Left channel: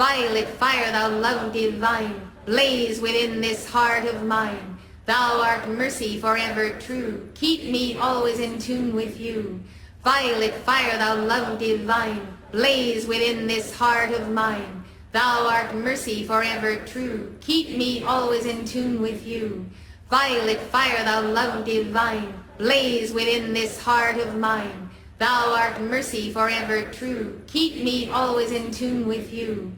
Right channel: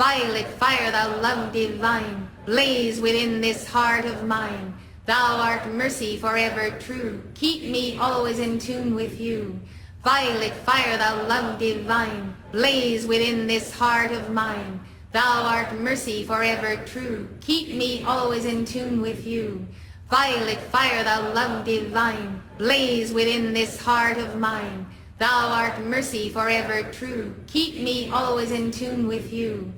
Violet fire, thou love divine, blaze within this heart of mine. Thou art mercy forever true, keep me always in tune with you. Violet fire, thou love divine, blaze within this heart of mine. Thou art mercy forever true, keep me always in tune with you. Violet fire, thou love divine, blaze within this heart of mine. Thou art mercy forever true, keep me always in tune with you.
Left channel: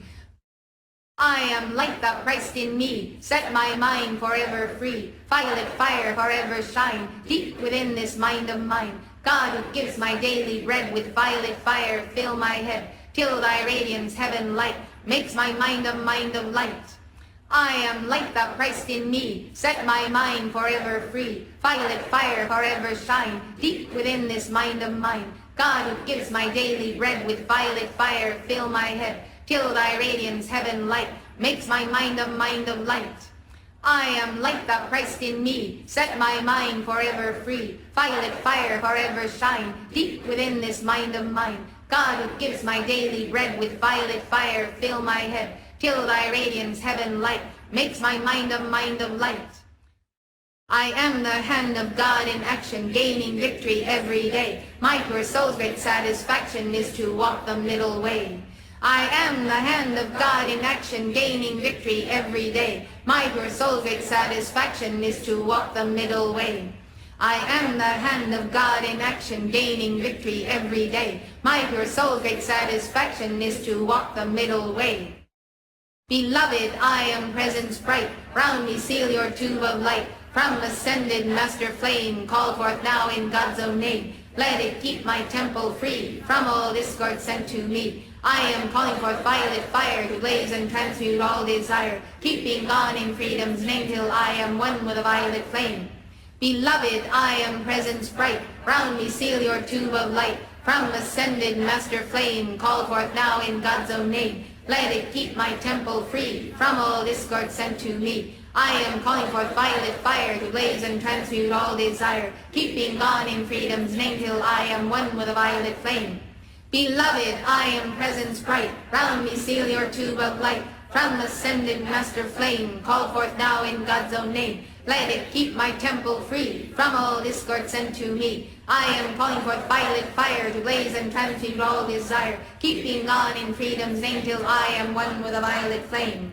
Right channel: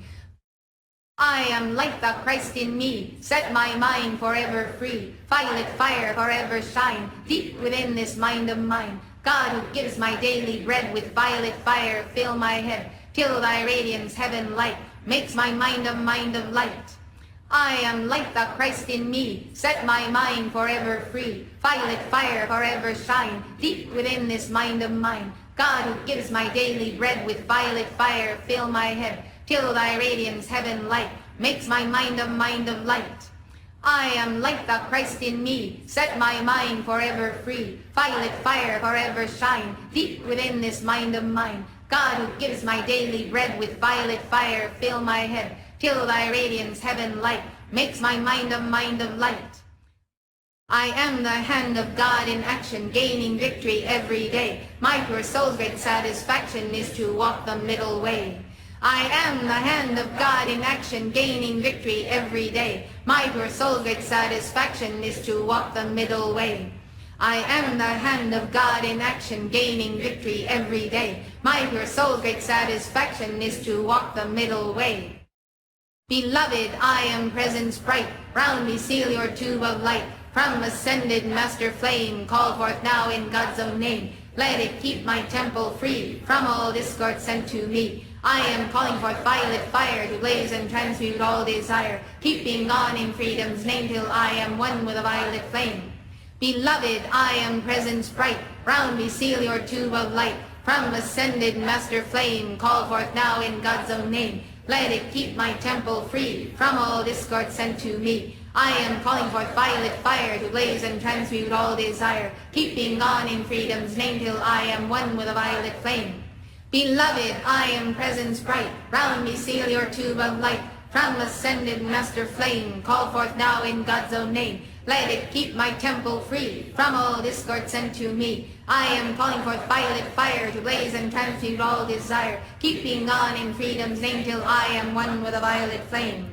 I am light, thou Christ in me, set my mind forever free. Violet fire forever shine, deep within this mind of mine. God who gives my daily bread, with violet fire fill my head, till thy radiance heaven light, makes my mind a mind of light. I am light, thou Christ in me, set my mind forever free. Violet fire forever shine, deep within this mind of mine. God who gives my daily bread, with violet fire fill my head, till thy radiance heaven light, makes my mind a mind of light. I am light, thou Christ in me, set my mind forever free. Violet fire forever shine, deep within this mind of mine. God who gives my daily bread, with violet fire fill my head, till thy radiance heaven light, makes my mind a mind of light. I am the hand of God in action, gaining victory every day. My pure soul's great satisfaction is to walk the middle way. I am the hand of God in action, gaining victory every day. My pure soul's great satisfaction is to walk the middle way. I am the hand of God in action, gaining victory every day. My pure soul's great satisfaction is to walk the middle way. Beloved, I am presence bright, round me seal your tube of light. From ascended master flame, call forth now in God's own name. Let it keep my temple free, from all discord sent to me. I am calling forth violet fire, to blaze and transmute all desire, keeping on in freedom's name, till I am one with a violet flame. Beloved, I am presence bright, round me seal your tube of light. From ascended master flame, call forth now in God's own name. Let it keep my temple free, from all discord sent to me. I am calling forth violet fire, to blaze and transmute all desire, keeping on in freedom's name, till I am one with a violet flame. Beloved, I am presence bright, round me seal your tube of light. From ascended master flame, call forth now in God's own name. Let it keep my temple free, from all discord sent to me. I am calling forth violet fire, to blaze and transmute all desire, keeping on in freedom's name, till I am one with a violet flame.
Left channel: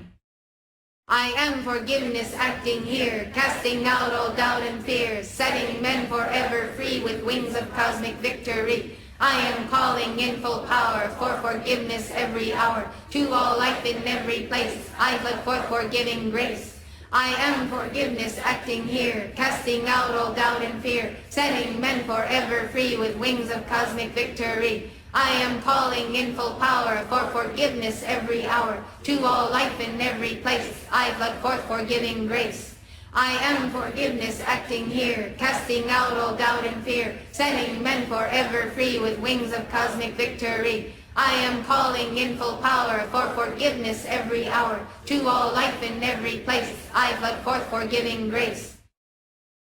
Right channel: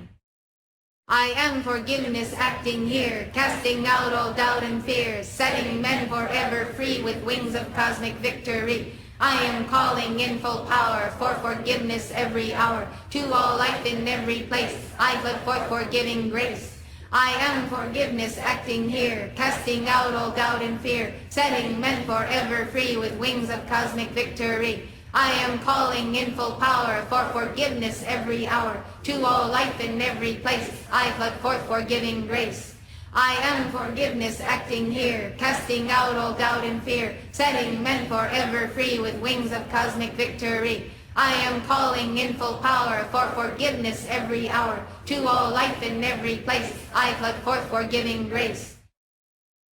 I am forgiveness acting here, casting out all doubt and fear, setting men forever free with wings of cosmic victory. I am calling in full power for forgiveness every hour, to all life in every place. I put forth forgiving grace. I am forgiveness acting here, casting out all doubt and fear, setting men forever free with wings of cosmic victory. I am calling in full power for forgiveness every hour, to all life in every place. I put forth forgiving grace. I am forgiveness acting here, casting out all doubt and fear, setting men forever free with wings of cosmic victory. I am calling in full power for forgiveness every hour, to all life in every place. I put forth forgiving grace.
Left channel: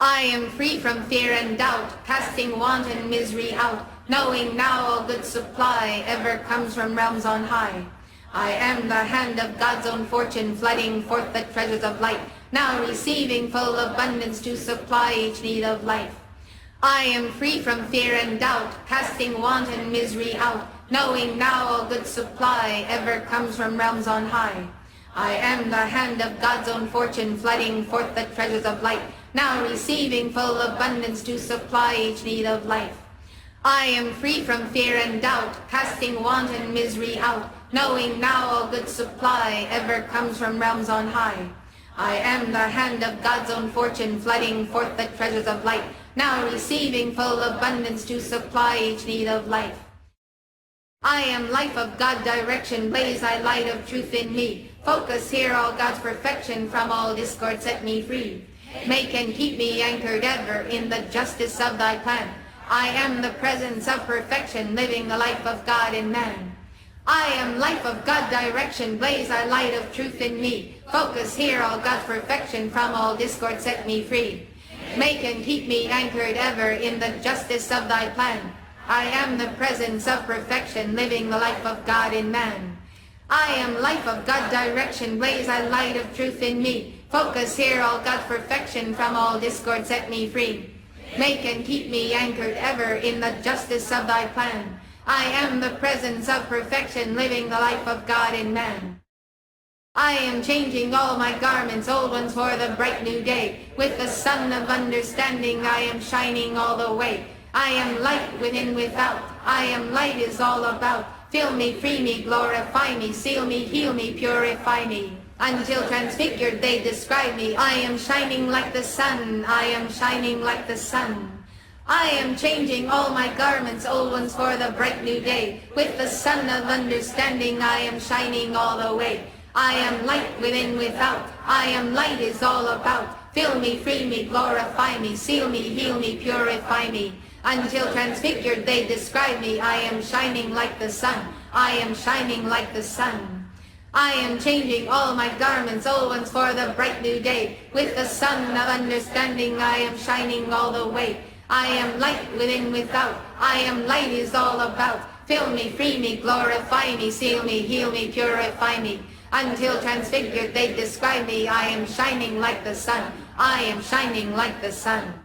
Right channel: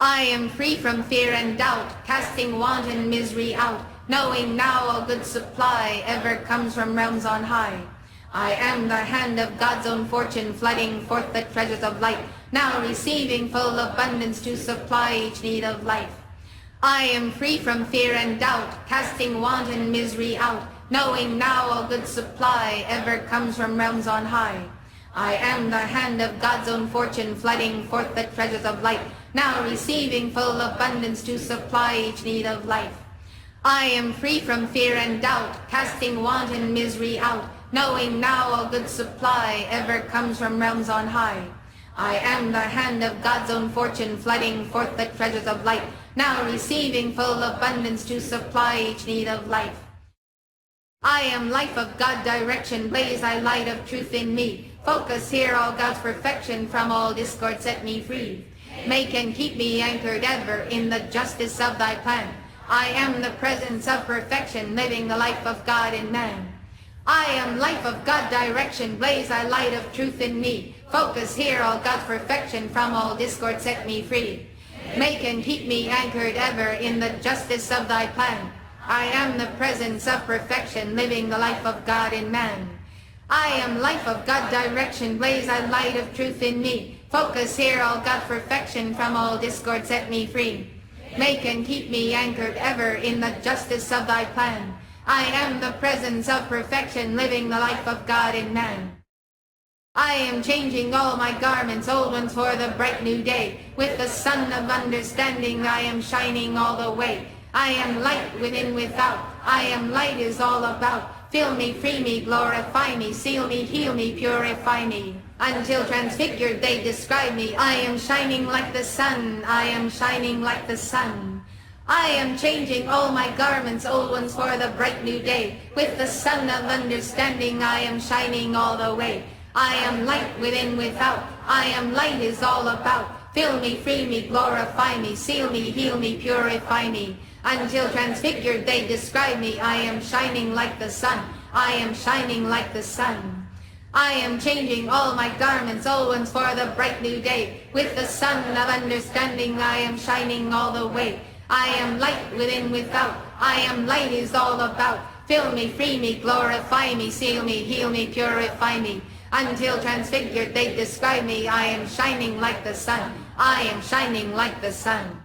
I am free from fear and doubt, casting want and misery out, knowing now all good supply ever comes from realms on high. I am the hand of God's own fortune, flooding forth the treasures of light, now receiving full abundance to supply each need of life. I am free from fear and doubt, casting want and misery out, knowing now all good supply ever comes from realms on high. I am the hand of God's own fortune, flooding forth the treasures of light, now receiving full abundance to supply each need of life. I am free from fear and doubt, casting want and misery out, knowing now all good supply ever comes from realms on high. I am the hand of God's own fortune, flooding forth the treasures of light, now receiving full abundance to supply each need of life. I am life of God direction, blaze thy light of truth in me. Focus here all God's perfection, from all discord set me free. Make and keep me anchored ever in the justice of thy plan. I am the presence of perfection, living the life of God in man. I am life of God direction, blaze thy light of truth in me. Focus here all God's perfection, from all discord set me free. Make and keep me anchored ever in the justice of thy plan. I am the presence of perfection, living the life of God in man. I am life of God direction, blaze thy light of truth in me. Focus here, all God perfection, from all discord set me free. Make and keep me anchored ever in the justice of thy plan. I am the presence of perfection, living the life of God in man. I am changing all my garments, old ones for the bright new day. With the sun of understanding I am shining all the way. I am light within, without. I am light is all about. Fill me, free me, glorify me, seal me, heal me, purify me. Until transfigured they describe me. I am shining like the sun. I am shining like the sun. I am changing all my garments, old ones for the bright new day. With the sun of understanding I am shining all the way. I am light within, without. I am light is all about. Fill me, free me, glorify me, seal me, heal me, purify me. Until transfigured they describe me. I am shining like the sun. I am shining like the sun. I am changing all my garments, old ones for the bright new day. With the sun of understanding I am shining all the way. I am light within, without. I am light is all about. Fill me, free me, glorify me, seal me, heal me, purify me. Until transfigured they describe me. I am shining like the sun. I am shining like the sun.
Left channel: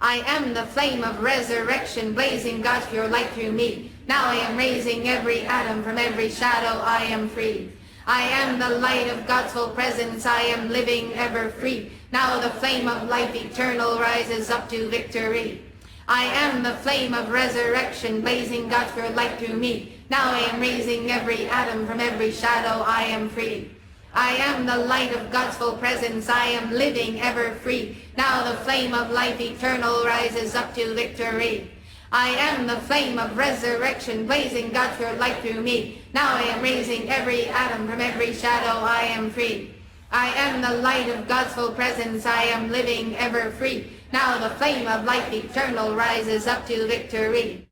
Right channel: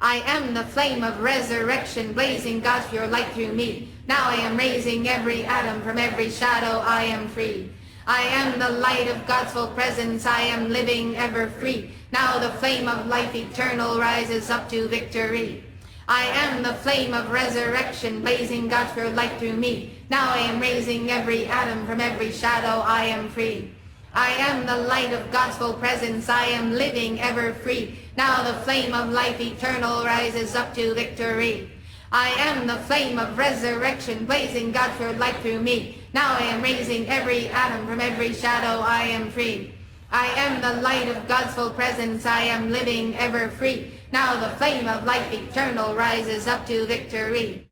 I am the flame of resurrection, blazing God's pure light through me. Now I am raising every atom, from every shadow I am free. I am the light of God's full presence, I am living ever free. Now the flame of life eternal rises up to victory. I am the flame of resurrection, blazing God's pure light through me. Now I am raising every atom, from every shadow I am free. I am the light of God's full presence, I am living ever free. Now the flame of life eternal rises up to victory. I am the flame of resurrection, blazing God's pure light through me. Now I am raising every atom, from every shadow I am free. I am the light of God's full presence, I am living ever free. Now the flame of life eternal rises up to victory.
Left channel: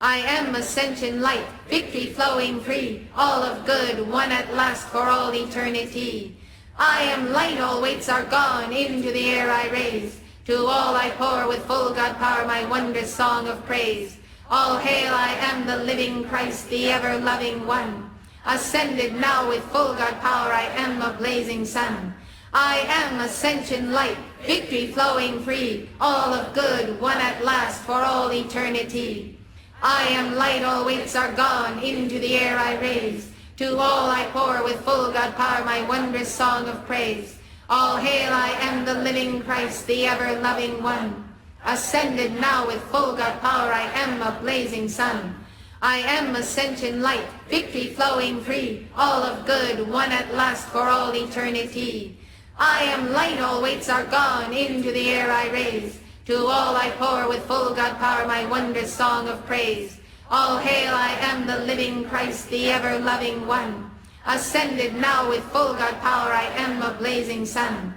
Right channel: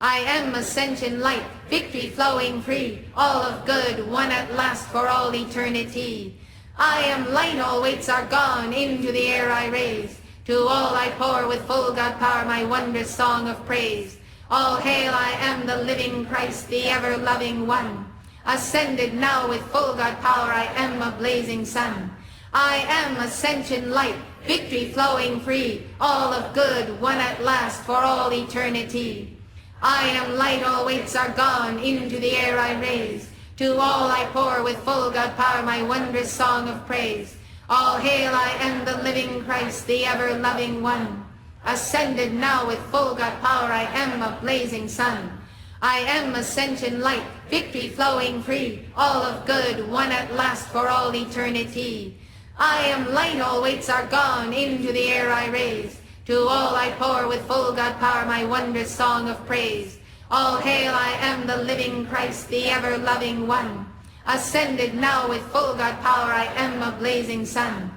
I am ascension light, victory flowing free, all of good won at last for all eternity. I am light, all weights are gone, into the air I raise. To all I pour with full God power my wondrous song of praise. All hail, I am the living Christ, the ever-loving one. Ascended now with full God power, I am a blazing sun. I am ascension light, victory flowing free, all of good won at last for all eternity. I am light, all weights are gone, into the air I raise. To all I pour with full God power my wondrous song of praise. All hail, I am the living Christ, the ever-loving one. Ascended now with full God power, I am a blazing sun. I am ascension light, victory flowing free, all of good won at last for all eternity. I am light, all weights are gone, into the air I raise. To all I pour with full God power my wondrous song of praise. All hail, I am the living Christ, the ever-loving one. Ascended now with full God power, I am a blazing sun.